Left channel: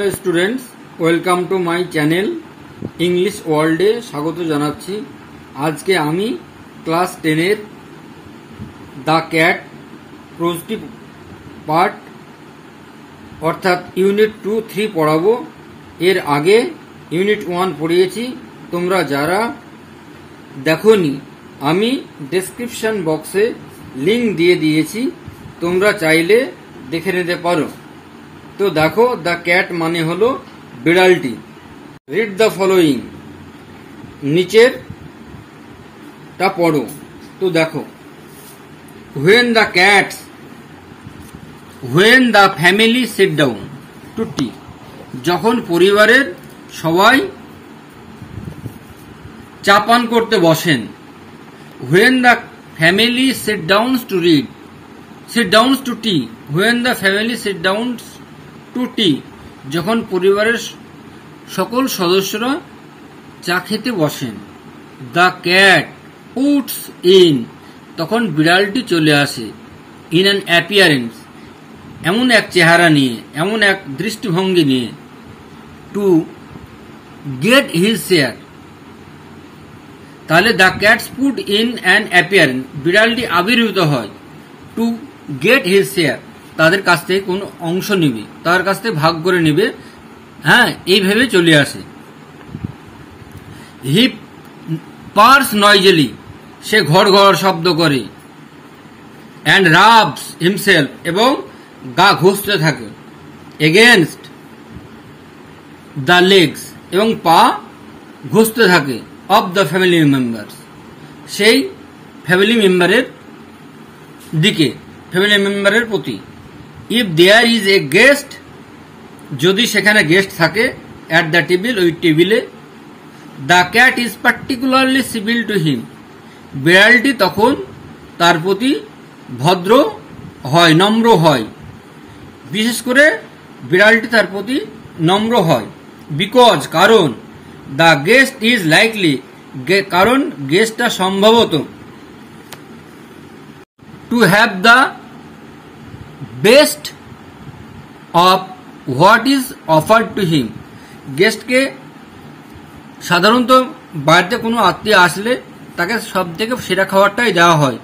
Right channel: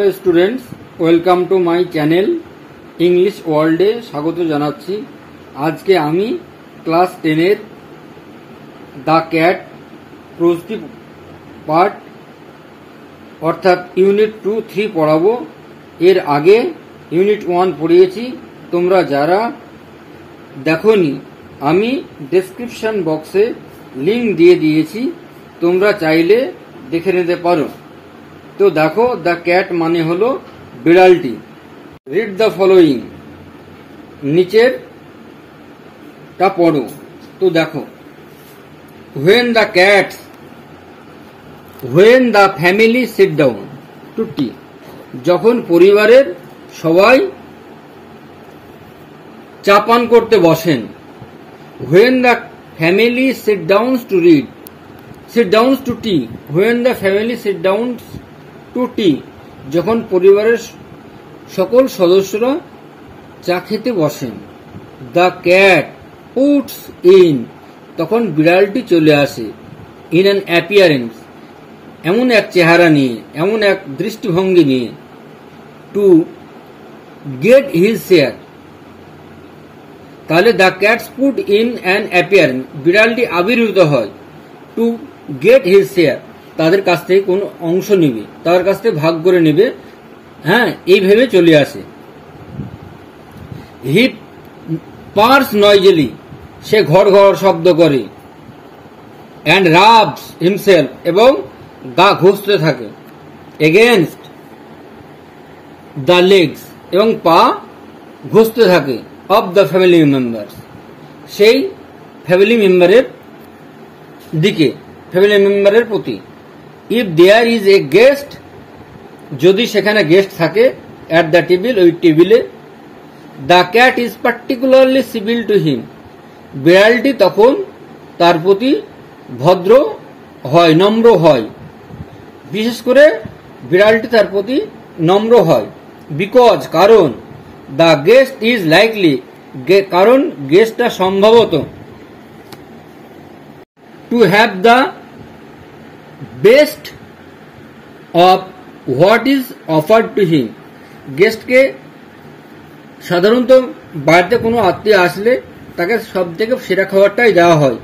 Hello students, welcome to my channel English ওয়ার্ল্ডে স্বাগত জানাচ্ছি। আজকে আমি ক্লাস 10-এর দ্য ক্যাট প্রোজটি পার্ট অর্থাৎ ইউনিট 2-3 পড়াবো। এর আগে ইউনিট 1 পড়িয়েছি। তোমরা যারা দেখোনি, আমি ডেসক্রিপশন বক্সে লিংক দিয়ে দিয়েছি, তোমরা চাইলে দেখে নিতে পারো। তো দেখো, দ্য ক্যাট মানে হলো বিড়ালটি। রিড দ্য ফলোইং, নিচের টা পড়ো। তো দেখো, when the family sit down to tea, যখন পরিবারের সবাই চা পান করতে বসেন। when the family sit down to tea, when the family sit down to tea, যখন পরিবারের সকল সদস্যরা চা খেতে বসেন। দ্য ক্যাট পুটস ইন, তখন বিড়ালটি চলে আসে। ইন অ্যান অ্যাপিয়ারেন্স, এমন এক চেহারা নিয়ে, এমন এক দৃষ্টিভঙ্গি নিয়ে। টু গেট হিজ শেয়ার, তাহলে the cats put in an appearance, বিড়ালটি আবির্ভূত হয়। টু গেট হিজ শেয়ার, তাদের কাছ থেকে কোন অংশ নিবে, তাদের কাছ থেকে ভাগ করে নিবে। হ্যাঁ, এইভাবে চলে আসে। হি পার্স নয়েজলি, সে ঘর ঘর শব্দ করে। অ্যান্ড রাবস হিমসেলফ, এবং গা ঘষতে থাকে। এগেনস্ট দ্য লেগস, এবং পা ঘষতে থাকে। অফ দ্য ফ্যামিলি মেম্বার্স, সেই ফ্যামিলি মেম্বারের দিকে, ফ্যামিলি মেম্বারের প্রতি। If there is a guest, যদি সেখানে গেস্ট থাকে। অ্যাট দ্য টেবিল, ওই টেবিলে। The cat is particularly civil to him, বিড়ালটি তখন তার প্রতি ভদ্র হয়, নম্র হয়। বিশেষ করে বিড়ালটি তার প্রতি নম্র হয়। বিকজ, কারণ। দ্য গেস্ট ইজ লাইকলি, কারণ গেস্টটা সম্ভবত। To have the best of what is offered to him, গেস্টকে সাধারণত বাড়িতে কোনো আত্মীয় আসলে তাকে সব থেকে সেরা খাবারটাই দেওয়া হয়।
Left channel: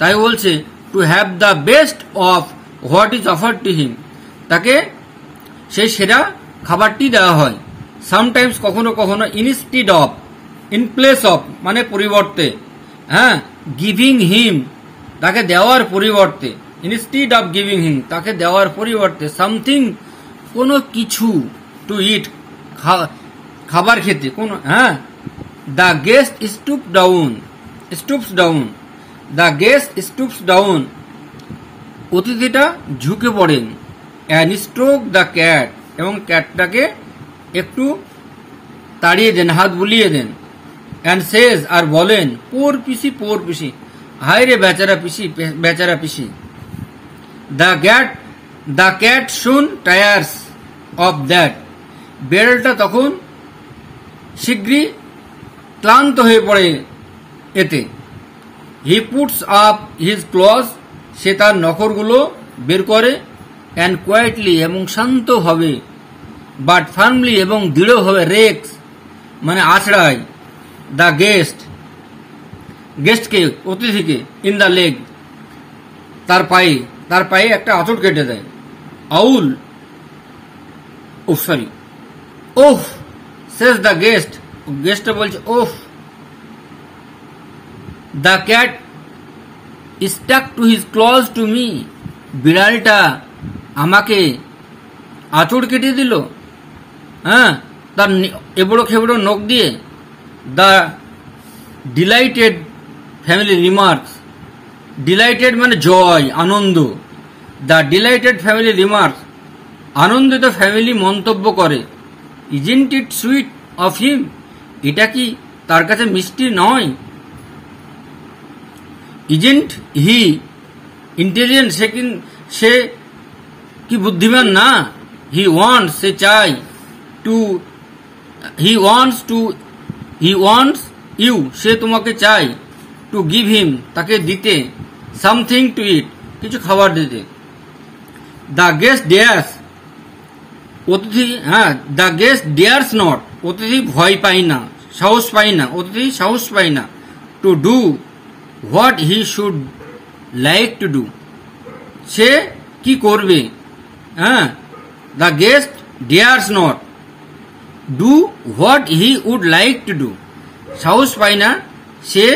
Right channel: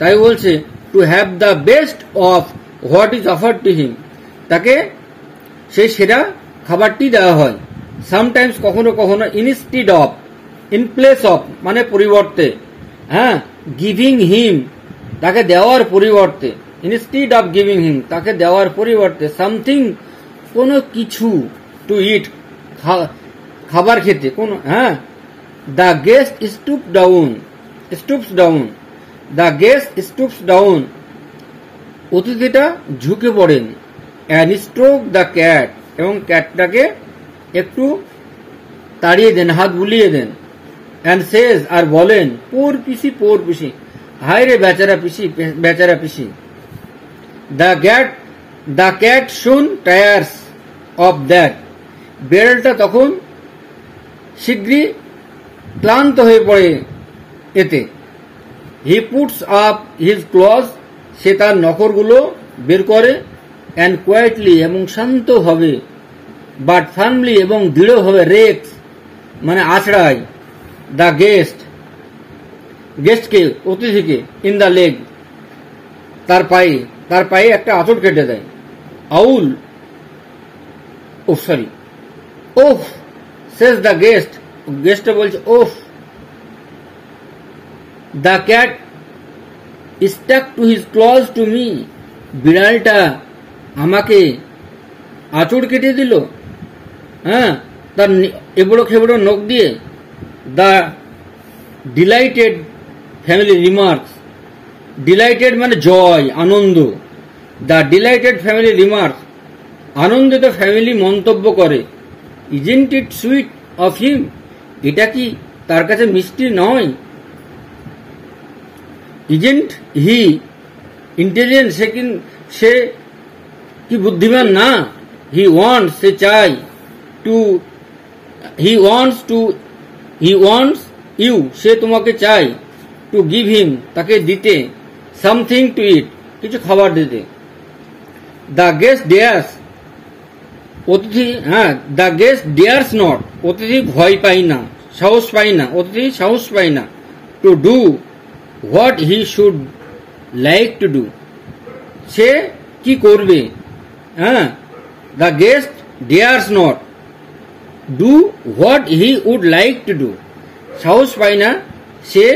তাই বলছে two have the best of what is offered to হিম, তাকে সেই সেরা খাবারটি দেওয়া হয়। সামটাইমস, কখনো কখনো। Instead of, in place of মানে পরিবর্তে। হ্যাঁ, গিভিং হিম, তাকে দেওয়ার পরিবর্তে। ইনস্টিড অফ গিভিং হিম, তাকে দেওয়ার পরিবর্তে। সামথিং, কোনো কিছু। টু ইট, খাবার খেতে। কোন, হ্যাঁ। The guest stoops down, the guest stoops down, অতিথিটা ঝুঁকে পড়েন। অ্যান্ড স্ট্রোক দ্য ক্যাট, এবং ক্যাটটাকে একটু তাড়িয়ে দেন, হাত বুলিয়ে দেন। অ্যান্ড সেজ, আর বলেন, পোর পিসি, হায় রে বেচারা পিসি। The cat soon tires of that, বিড়ালটা তখন শীঘ্রই ক্লান্ত হয়ে পড়ে এতে। He puts up his claws, সে তার নখরগুলো বের করে। অ্যান্ড কোয়াইটলি, এবং শান্তভাবে। বাট ফার্মলি, এবং দৃঢ়ভাবে। রেক্স মানে আছড়ায়। দ্য গেস্টকে, অতিথিকে। ইন দ্য লেগ, তার পায়ে একটা আঁচড় কেটে দেয়। আউল, ওহ সেজ দ্য গেস্টটা বলছে ওহ। The cat stuck to his claws to me, বিড়ালটা আমাকে আঁচড় কেটে দিল। হ্যাঁ, তার এবড়ো খেবড়ো নখ দিয়ে। The delighted family remarks, delighted মানে জয়, আনন্দ। দ্য ডিলাইটেড ফ্যামিলি রিমার্কস, আনন্দিত ফ্যামিলি মন্তব্য করে। Isn't it sweet of him, এটা কি তার কাছে মিষ্টি নয়? ইজন্ট হি ইন্টেলিজেন্ট, সে কি বুদ্ধিমান না? হি ওয়ান্টস, সে চায়। হি ওয়ান্টস ইউ, সে তোমাকে চায়। টু গিভ হিম, তাকে দিতে। সামথিং টু ইট, কিছু খাবার দিতে। দ্য গেস্ট ডেয়ার্স অতিথি, হ্যাঁ, দ্য গেস্ট ডেয়ার্স নট, অতিথি ভয় পায় না, সাহস পায় না, অতিথি সাহস পায় না, to do what he should like to do, সে কি করবে, হ্যাঁ, the guest dares not do what he would like to do, সাহস পায় না, সে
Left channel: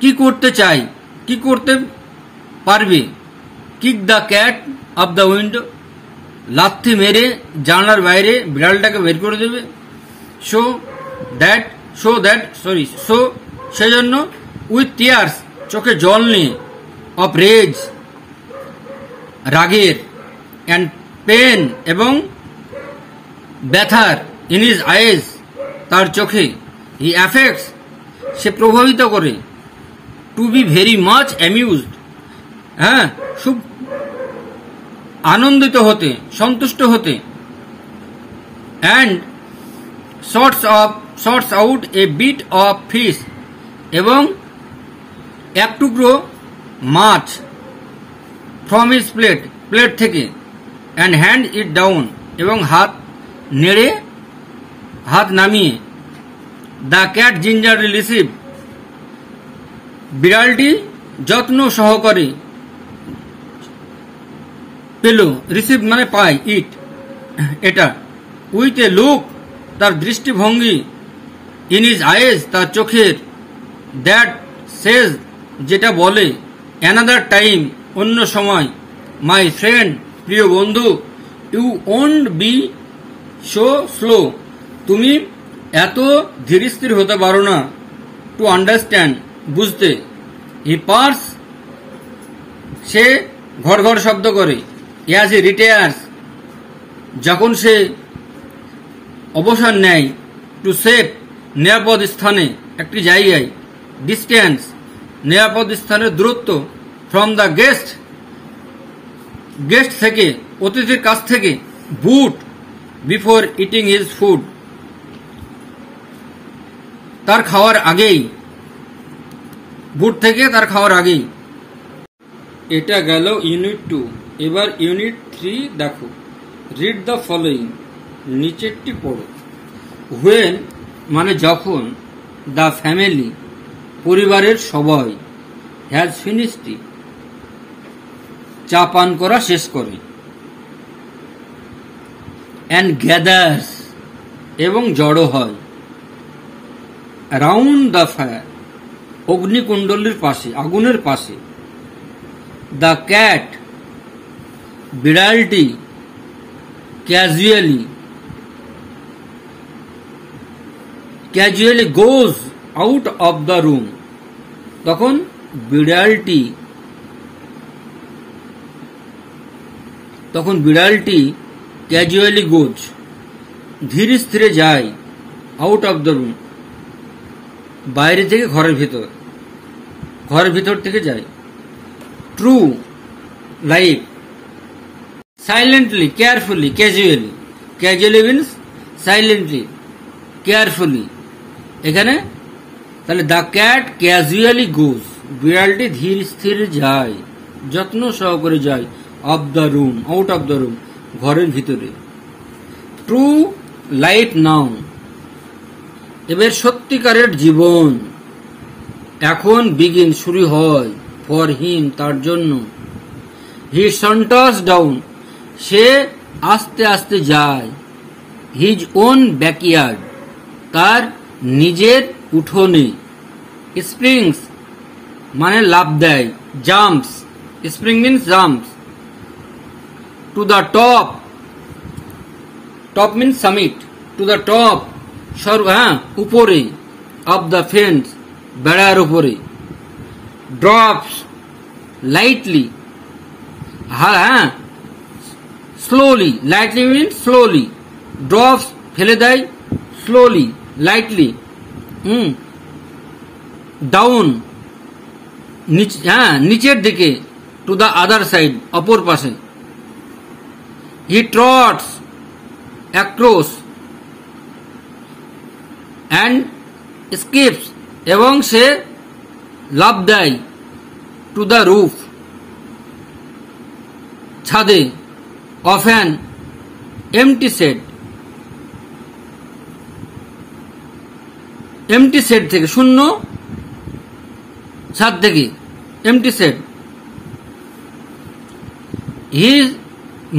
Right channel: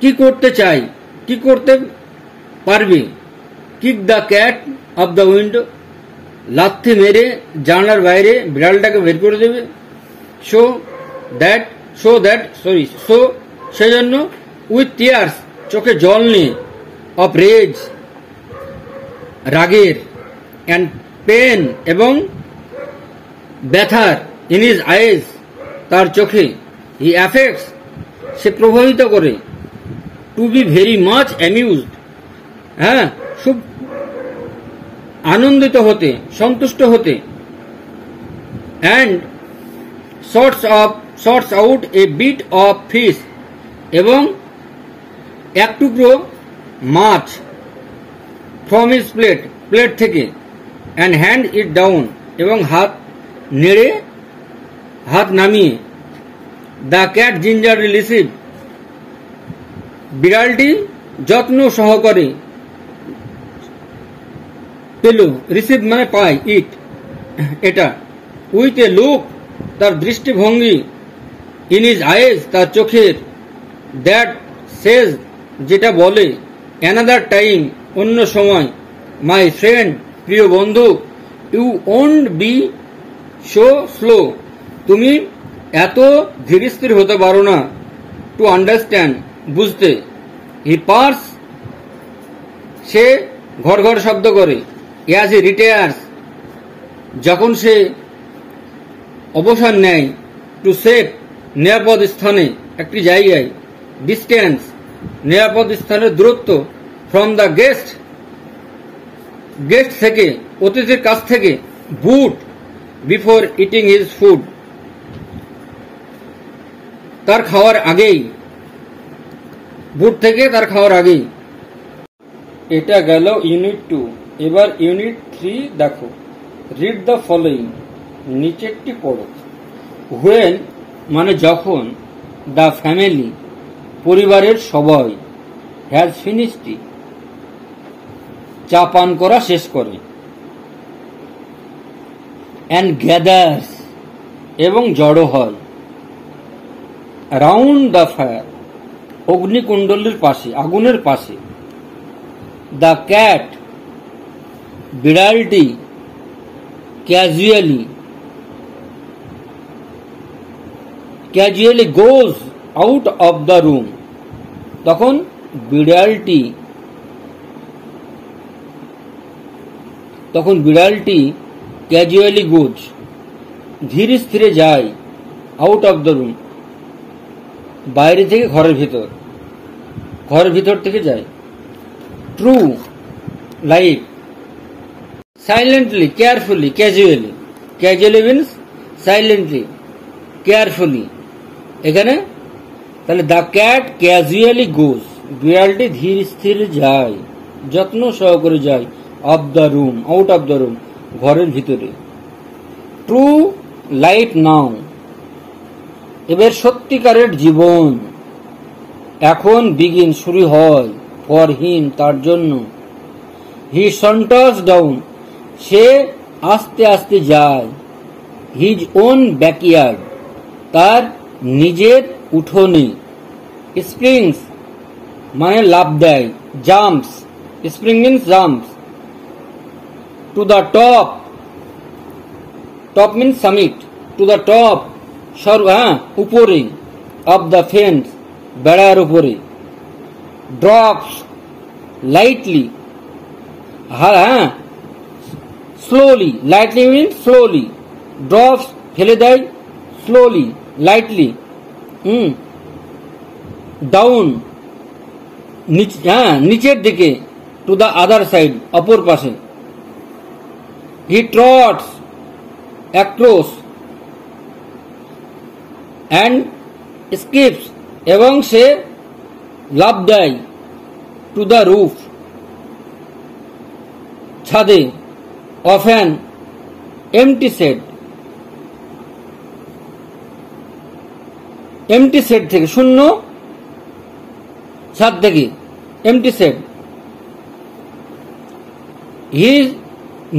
কি করতে চায়, কি করতে পারবে, kick the cat of the window, লাথি মেরে জানলার বাইরে বিড়ালটাকে বের করে দেবে, সো সেজন্য উইথ টিয়ার্স, চোখে জল নিয়ে, অফ রেজ, রাগের, অ্যান্ড পেন, এবং ব্যথার, ইন হিজ আইজ, তার চোখে, হি অ্যাফেক্টস, সে প্রভাবিত করে, to be very much amused, হ্যাঁ, খুব আনন্দিত হতে, সন্তুষ্ট হতে, and sorts out a bit of fish, এবং এক টুকরো মাছ, ফ্রম হিজ প্লেট থেকে, অ্যান্ড হ্যান্ড ইট ডাউন, এবং হাত নেড়ে, হাত নামিয়ে, দ্য ক্যাট জিঞ্জারলি রিসিভ, বিড়ালটি যত্ন সহকারে পেল, রিসিভ মানে পায়, ইট এটা, উইথ এ লুক, তার দৃষ্টিভঙ্গি, ইন হিজ আইজ, তার চোখের, দ্যাট সেজ, যেটা বলে, অ্যানাদার টাইম, অন্য সময়, মাই ফ্রেন্ড, প্রিয় বন্ধু, you won't be so slow, তুমি এত ধীরস্থির হতে পারো না, টু আন্ডারস্ট্যান্ড, বুঝতে, হি পার্স, সে ঘর ঘর শব্দ করে, অ্যাজ হি রিটায়ার্স, যখন সে অবসর নেয়, টু সেফ, নিরাপদ স্থানে, একটি জায়গায়, ডিস্টেন্স, নিরাপদ স্থানের দূরত্ব, ফ্রম দ্য গেস্ট থেকে, অতিথির কাছ থেকে, বুট, বিফোর ইটিং হিজ ফুড, তার খাওয়ার আগেই, বুট থেকে তার খাওয়ার আগেই। এটা গেল ইউনিট 2। এবার ইউনিট 3 দেখো। রিড দ্য ফলোইং, নিচেরটি পড়ো। হোয়েন মানে যখন, দ্য ফ্যামিলি পরিবারের সবাই, হ্যাজ ফিনিশড ইট চা পান করা শেষ করে, অ্যান্ড গ্যাদার্স এবং জড়ো হয়, রাউন্ড দ্য ফায়ার অগ্নিকুণ্ডলীর পাশে, আগুনের পাশে, দ্য ক্যাট বিড়ালটি, casually goes out of the room, তখন বিড়ালটি ক্যাজুয়ালি গোজ ধীর স্থিরে যায়, আউট অফ দ্য রুম বাইরে থেকে ঘরের ভিতর থেকে যায়। True life silently, carefully, casually means silently, carefully. এখানে তাহলে দ্য ক্যাট ক্যাজুয়ালি গোজ, বিড়ালটি ধীর স্থির যায়, যত্ন সহকারে যায়, of the room, out of the room ঘরের ভিতরে। ট্রু লাইফ নাও, এবার সত্যিকারের জীবন এখন, বিগিন শুরু হয়, ফর হিম তার জন্য, হি সন্টার্স ডাউন সে আস্তে আস্তে যায়, হিজ ওন ব্যাকইয়ার্ড তার নিজের উঠোনে, স্প্রিংস মানে লাফ দেয়, jumps, spring means jumps, to the top, top means summit, to the top উপরে, অফ দ্য ফেন্স বেড়ার উপরে, drops lightly slowly, lightly means slowly, drops ফেলে দেয়, স্লোলি লাইটলি, ডাউন নিচের দিকে, টু দ্য আদার সাইড অপর পাশে, হি ট্রটস অ্যাক্রস অ্যান্ড স্কিপস এবং সে লাফ দেয়, টু দ্য রুফ ছাদে, often MT set, MT set থেকে শূন্য ছাদ থেকে এমটি সেট। হিজ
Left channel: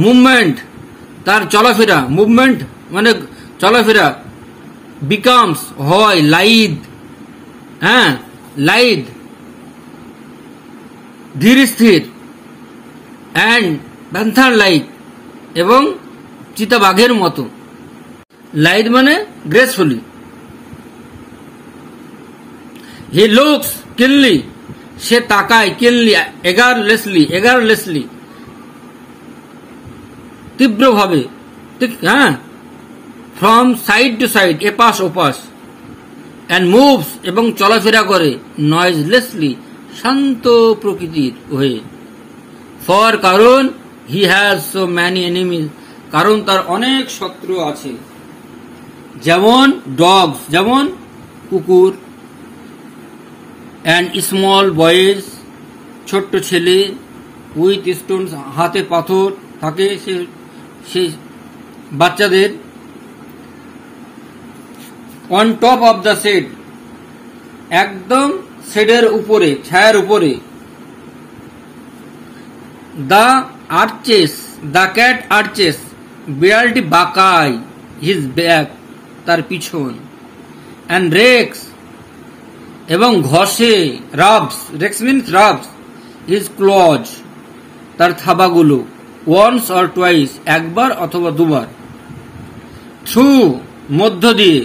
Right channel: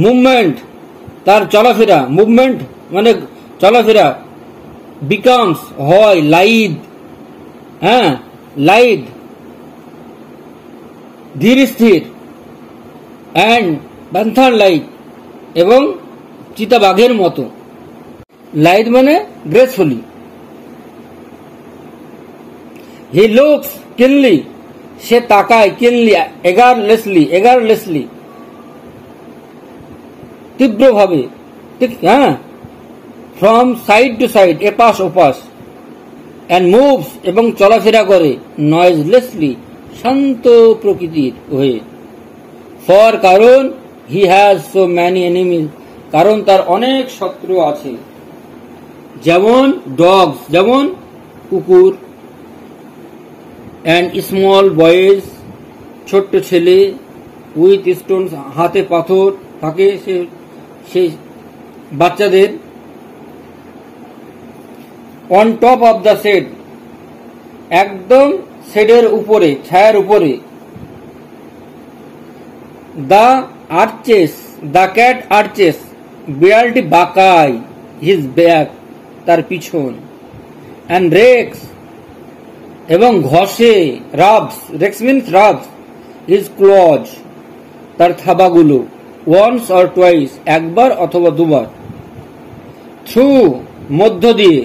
মুভমেন্ট, তার চলাফেরা, মুভমেন্ট মানে চলাফেরা, বিকামস হয় লাইড, হ্যাঁ লাইড ধীর স্থির, অ্যান্ড প্যান্থার লাইক এবং চিতাবাঘের মতো। লাইড মানে গ্রেসফুলি। হি লুকস কিনলি, সে তাকায়, কিনলি এগারলেসলি তীব্রভাবে, হ্যাঁ, ফ্রম সাইড টু সাইড, এপাশ ওপাশ, অ্যান্ড মুভস এবং চলাফেরা করে, নয়েজলেসলি শান্ত প্রকৃতির হয়ে। ফর কারণ he has so many enemies, কারণ তার অনেক শত্রু আছে। যেমন ডগস, যেমন কুকুর, অ্যান্ড স্মল বয়েজ, ছোট্ট ছেলে, উইথ স্টোনস, হাতে পাথর থাকে সেই বাচ্চাদের। On top of the shed, একদম শেডের উপরে, ছায়ার উপরে। The arches, the cat arches, বিড়ালটি বাঁকায়, হিজ ব্যাক, তার পিছন, অ্যান্ড রেক্স এবং ঘষে, রাবস, রেক্স মিনস রাবস, হিজ ক্লজ, তার থাবাগুলো, ওয়ান্স অর টুয়াইস, একবার অথবা দুবার। থ্রু, মধ্য দিয়ে,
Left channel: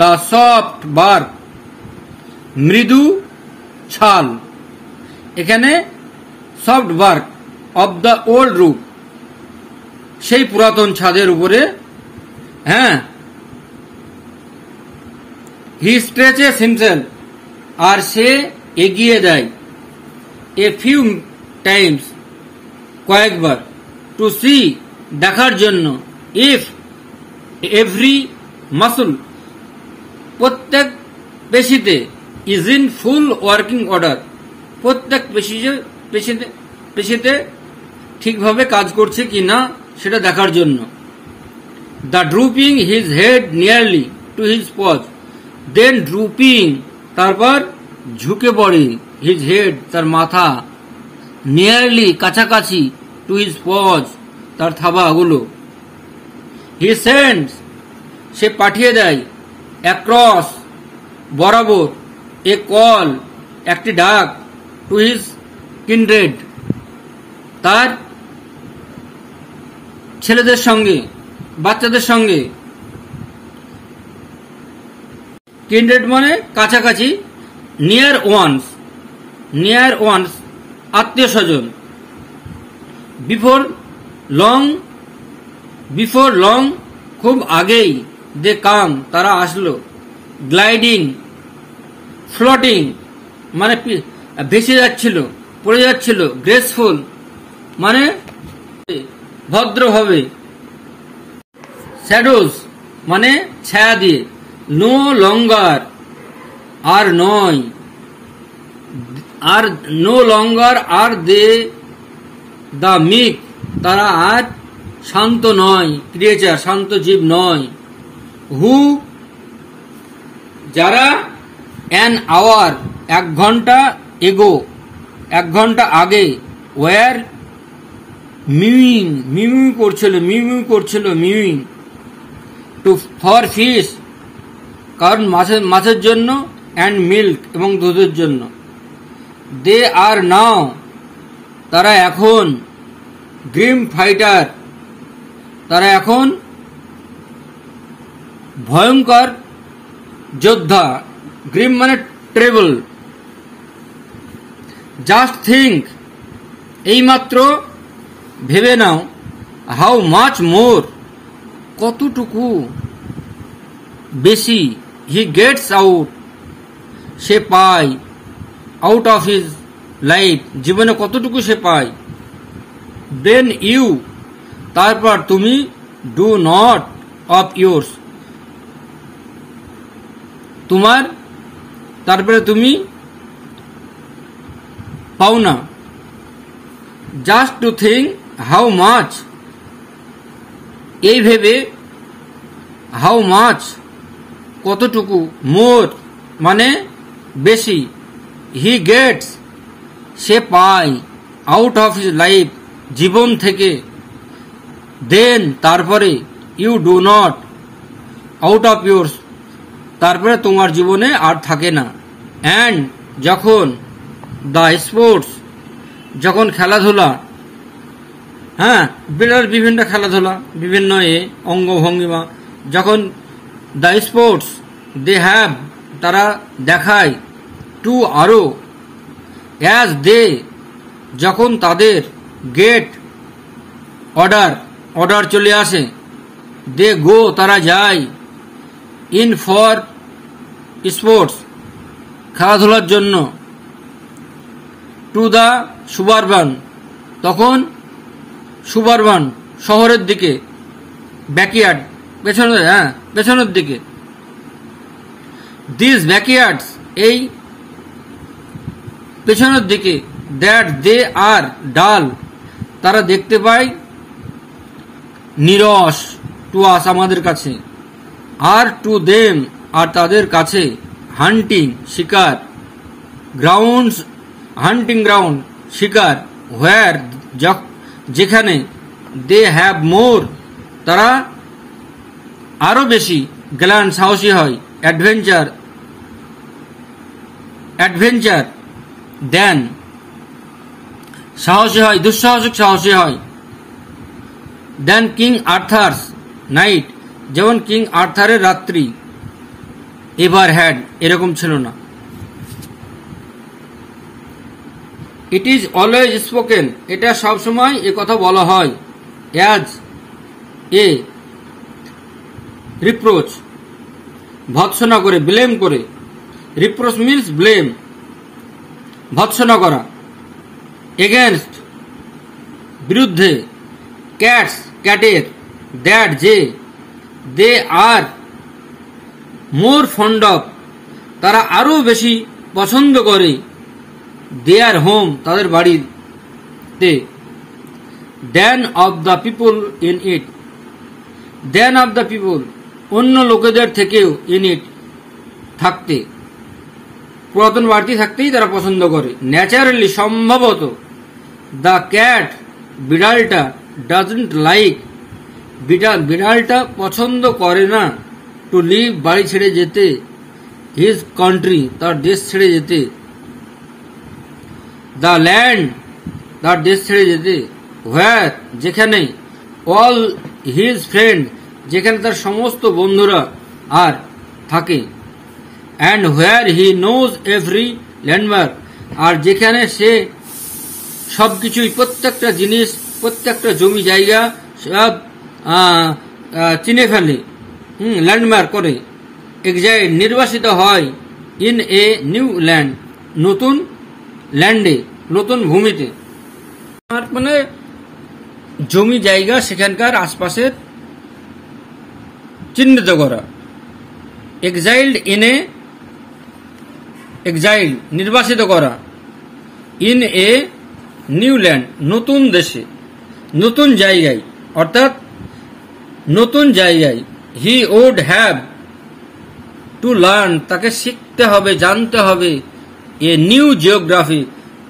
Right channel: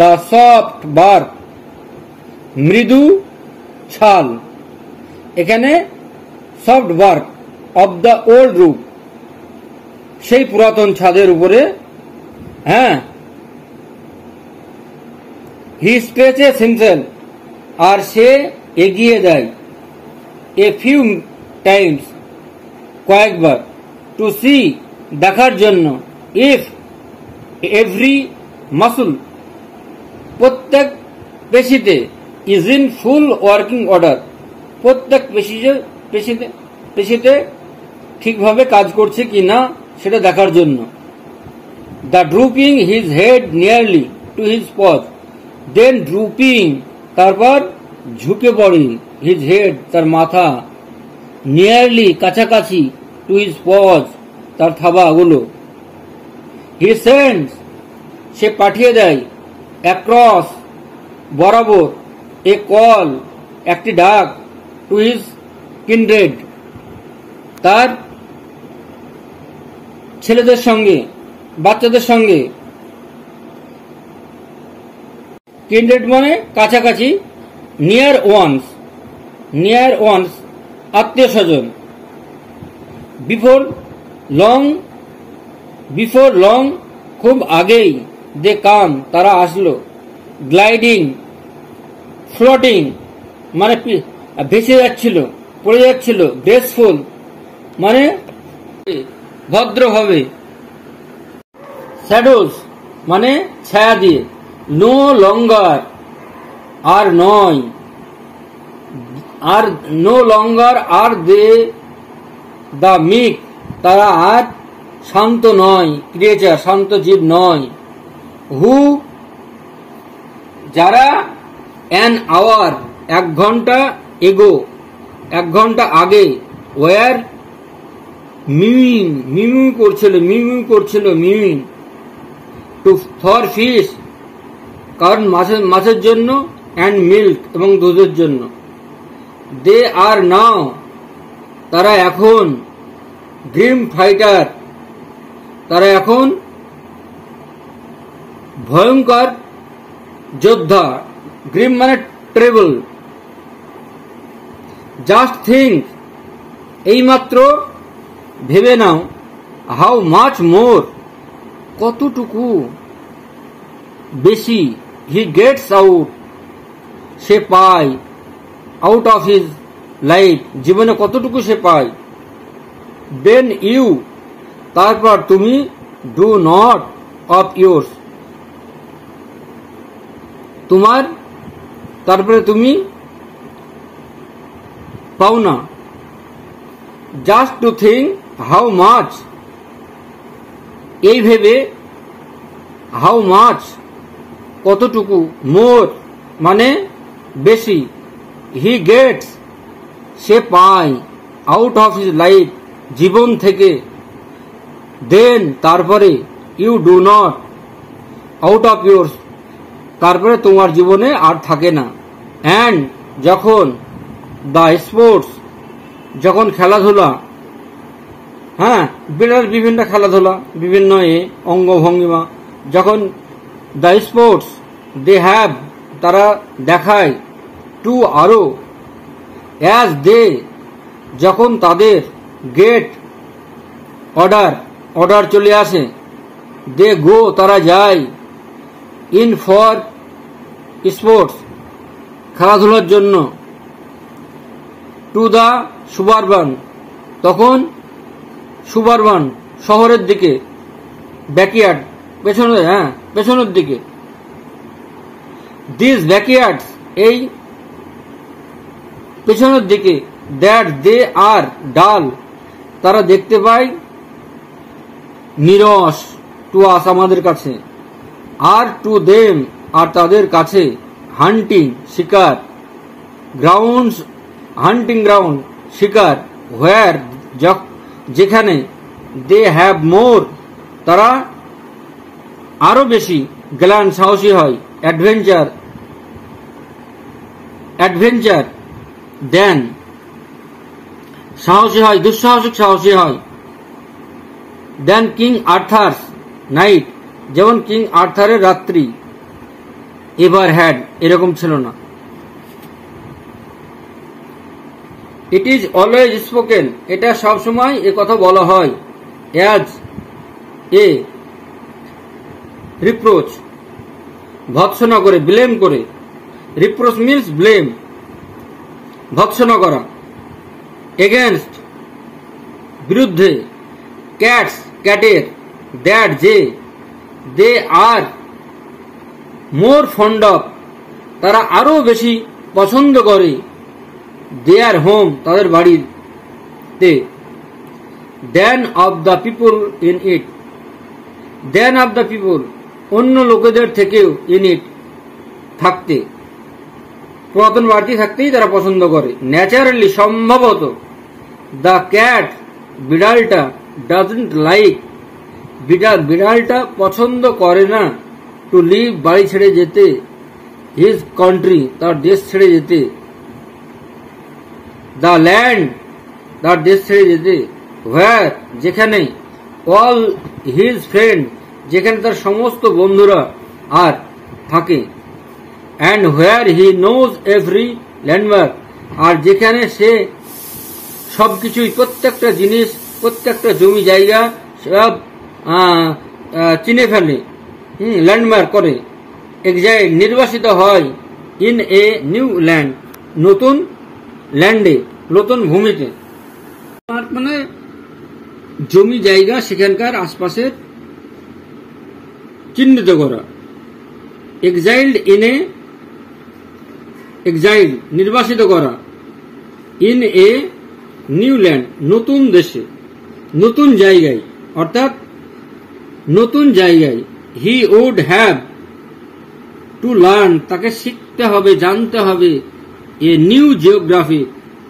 দ্য সফট বার্ক, মৃদু ছাল, এখানে soft bark of the old roof, সেই পুরাতন ছাদের উপরে, হ্যাঁ। হি স্ট্রেচেস হিমসেলফ, আর সে এগিয়ে দেয়, এ ফিউ টাইমস, কয়েকবার, টু সি, দেখার জন্য, ইফ এভরি মাসল, প্রত্যেক পেশিতে, is in full working order, প্রত্যেক পেশিতে ঠিকভাবে কাজ করছে কি না সেটা দেখার জন্য। The drooping his head nearly to his paws, then drooping, তারপর ঝুঁকে পড়ে, হিজ হেড, তার মাথা, নিয়ারলি, কাছাকাছি, টু হিজ পজ, তার থাবাগুলো। হি সেন্ডস, সে পাঠিয়ে দেয়, অ্যাক্রস, বরাবর, এ কল, একটি ডাক, টু হিজ কিন্ড্রেড, তার ছেলেদের সঙ্গে, বাচ্চাদের সঙ্গে। কিন্ড্রেড মানে কাছাকাছি, নিয়ার ওয়ান্স, আত্মীয় স্বজন। বিফোর লং, খুব আগেই, দে কাম, তারা আসলো। গ্লাইডিং, ফ্লোটিং মানে ভেসে যাচ্ছিল, পড়ে যাচ্ছিল। গ্রেসফুল মানে ভদ্রভাবে। শ্যাডোজ মানে ছায়া দিয়ে। নো লঙ্গার, আর নয়, আর no longer R they the মিক, তারা আর শান্ত নয়, ক্রিয়েচার, শান্ত জীব নয়। হু, যারা, অ্যান আওয়ার, 1 ঘন্টা, এগো, 1 ঘন্টা আগে, ওয়ার, মিউইং করছিল, টু ফর ফিশ, কারণ মাছের জন্য, অ্যান্ড মিল্ক, এবং দুধের জন্য। দে আর নাও, তারা এখন, গ্রিম ফাইটার, তারা এখন ভয়ঙ্কর যোদ্ধা। গ্রিম মানে ট্রেবল। জাস্ট থিঙ্ক, এইমাত্র ভেবে নাও, হাউ মাচ মোর, কতটুকু বেশি, হি গেটস আউট, সে পায়, আউট অফ হিজ লাইফ, জীবনে কতটুকু সে পায়। দেন ইউ, তারপর তুমি, ডু নট অফ ইয়োর্স, তোমার, তারপরে তুমি পাও না। Just to think how much এই ভেবে হাউ মাচ কতটুকু, মোর মানে বেশি, হি গেটস সে পায়, আউট অফ হিজ লাইফ জীবন থেকে, দেন তারপরে, you do not out of yours তারপরে তোমার জীবনে আর থাকে না, অ্যান্ড যখন দ্য স্পোর্টস যখন খেলাধুলা, হ্যাঁ বিড়াল বিভিন্ন খেলাধুলা বিভিন্ন অঙ্গভঙ্গিমা, যখন দ্য স্পোর্টস দে হ্যাভ তারা দেখায়, টু আরো, অ্যাজ দে যখন তাদের, গেট অর্ডার চলে আসে, দে গো তারা যায়, ইন ফর স্পোর্টস খেলাধুলার জন্য, টু দ্য সুবারবান তখন সুবারবান শহরের দিকে, ব্যাকইয়ার্ড পেছনের দিকে, দিস ব্যাকইয়ার্ডস এই পেছনের দিকে, দ্যাট দে আর ডাল তারা দেখতে পায়, নিরস টু আস আমাদের কাছে, আর টু দেম আর তাদের কাছে, হান্টিং শিকার, গ্রাউন্ডস হান্টিং গ্রাউন্ড শিকার, হোয়ার যেখানে, দে হ্যাভ মোর তারা আরো বেশি, গ্ল্যান্ড সাহসী হয়, অ্যাডভেঞ্চার দেন সাহসী হয়, দুঃসাহসিক সাহসী হয়, দেন কিং আর্থার্স নাইট যেমন কিং আর্থারের রাত্রি, এভার হ্যাড এরকম ছিল না। ইট ইজ অলওয়েজ স্পোকেন এটা সবসময় এ কথা বলা হয়, অ্যাজ এ রিপ্রোচ ভৎসনা করে, ব্লেম করে, রিপ্রোচ মিন্স ব্লেম ভৎসনা করা, এগেনস্ট বিরুদ্ধে, ক্যাটস ক্যাটের, দ্যাট যে, দে আর মোর ফন্ড অফ তারা আরো বেশি পছন্দ করে, দেয়ার হোম তাদের বাড়িতে, then of the people in it then of the people অন্য লোকেদের থেকেও, ইন ইট থাকতে, পুরাতন বাড়িতে থাকতেই তারা পছন্দ করে, ন্যাচারালি সম্ভবত, দ্য ক্যাট বিড়ালটা, ডাজন্ট লাইক বিড়ালটা পছন্দ করে না, টু লিভ বাড়ি ছেড়ে যেতে, হিজ কান্ট্রি তার দেশ ছেড়ে যেতে, দ্য ল্যান্ড তার দেশ ছেড়ে যেতে, হোয়ার যেখানে, অল হিজ ফ্রেন্ড যেখানে তার সমস্ত বন্ধুরা আর থাকে, and where he knows every landmark আর যেখানে সে সবকিছুই, প্রত্যেকটা জিনিস, প্রত্যেকটা জমি জায়গা সব চিনে ফেলে, ল্যান্ডমার্ক করে, এক্সাইল নির্বাসিত হয়, ইন এ নিউ ল্যান্ড নতুন ল্যান্ডে নতুন ভূমিতে, মানে জমি জায়গা সেখানকার আশপাশের চিহ্নিত করা, এক্সাইল্ড ইন এ এক্সাইল নির্বাসিত করা, ইন এ নিউ ল্যান্ড নতুন দেশে, নতুন জায়গায়, অর্থাৎ নতুন জায়গায়, he would have to learn তাকে শিখতে হবে, জানতে হবে, এ নিউ জিওগ্রাফি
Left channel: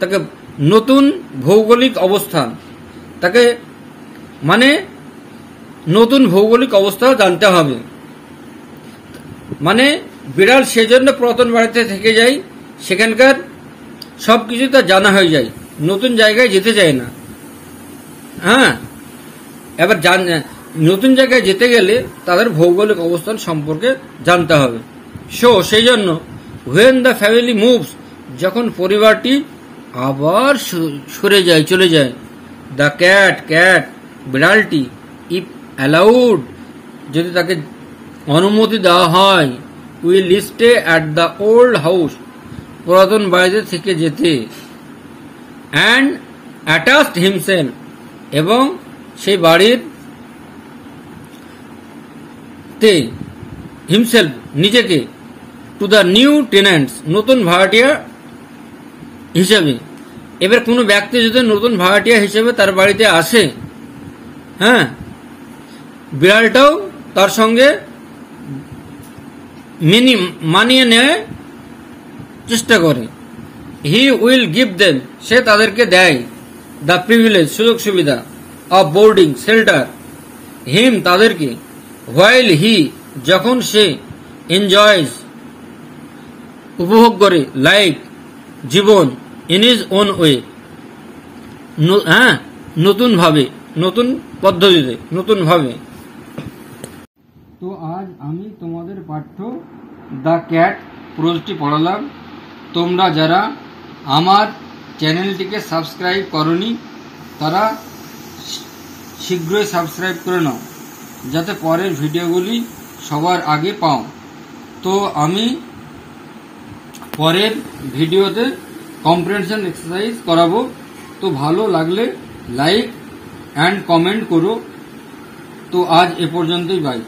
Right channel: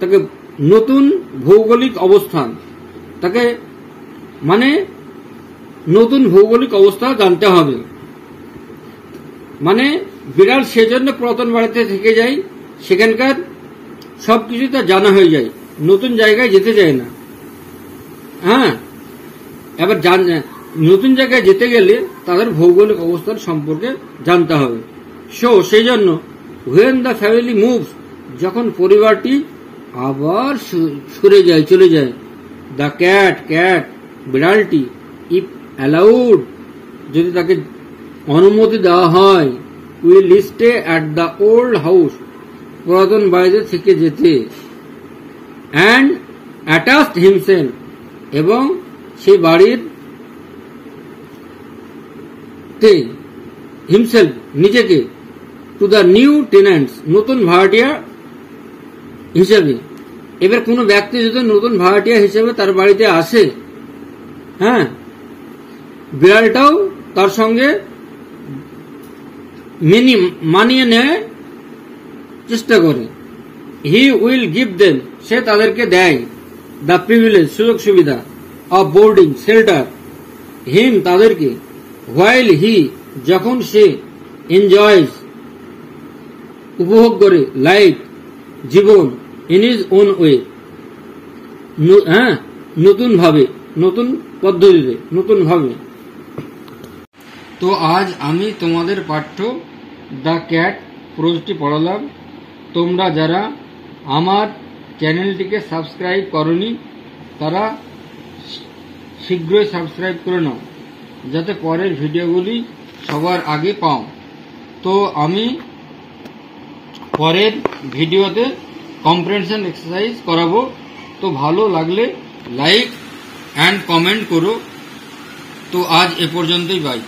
তাকে নতুন ভৌগোলিক অবস্থান, তাকে মানে নতুন ভৌগোলিক অবস্থা জানতে হবে, মানে বিড়াল সেজন্য পুরাতন বাড়িতে থেকে যায়, সেখানকার সবকিছু তার জানা হয়ে যায়, নতুন জায়গায় যেতে চায় না। হ্যাঁ, এবার নতুন জায়গায় যেতে গেলে তাদের ভৌগোলিক অবস্থান সম্পর্কে জানতে হবে। সেই জন্য হোয়েন দ্য ফ্যামিলি মুভস যখন পরিবারটি আবার সরে যায়, চলে যায়, দ্য ক্যাট বিড়ালটি, ইফ অ্যালাউড যদি তাকে অনুমতি দেওয়া হয়, will stay at the old house পুরাতন বাড়িতে থেকে যেতে, অ্যান্ড অ্যাটাচড হিমসেলফ এবং সেই বাড়ির হিমসেলফ নিজেকে, টু দ্য নিউ টেন্যান্টস নতুন ভাড়াটিয়া হিসেবে। এবার কোনো ব্যক্তি যদি নতুন ভাড়াটিয়া হিসেবে তার বাড়িতে আসে, হ্যাঁ, বিড়ালটাও তার সঙ্গে মানিয়ে নেয় চেষ্টা করে। হি উইল গিভ দেম, সে তাদেরকে দেয়, দ্য প্রিভিলেজ, সুযোগ সুবিধা, অফ বোর্ডিং, শেল্টার, হিম, তাদেরকে, হোয়াইল হি, যখন সে, এনজয়স, উপভোগ করে, লাইফ, জীবন, ইন হিজ ওন ওয়ে, নতুন ভাবে, নতুন পদ্ধতিতে, নতুন ভাবে। তো আজ আমি তোমাদের পাঠ্য দ্য ক্যাট প্রোজটি পড়ালাম। তোমরা যারা আমার চ্যানেলটিকে সাবস্ক্রাইব করনি তারা শীঘ্রই সাবস্ক্রাইব করে নাও, যাতে পরের ভিডিওগুলি সবার আগে পাও। তো আমি পরের ভিডিওতে কম্প্রিহেনশন এক্সারসাইজ করাবো। তো ভালো লাগলে লাইক অ্যান্ড কমেন্ট করো। তো আজ এ পর্যন্তই, বাই।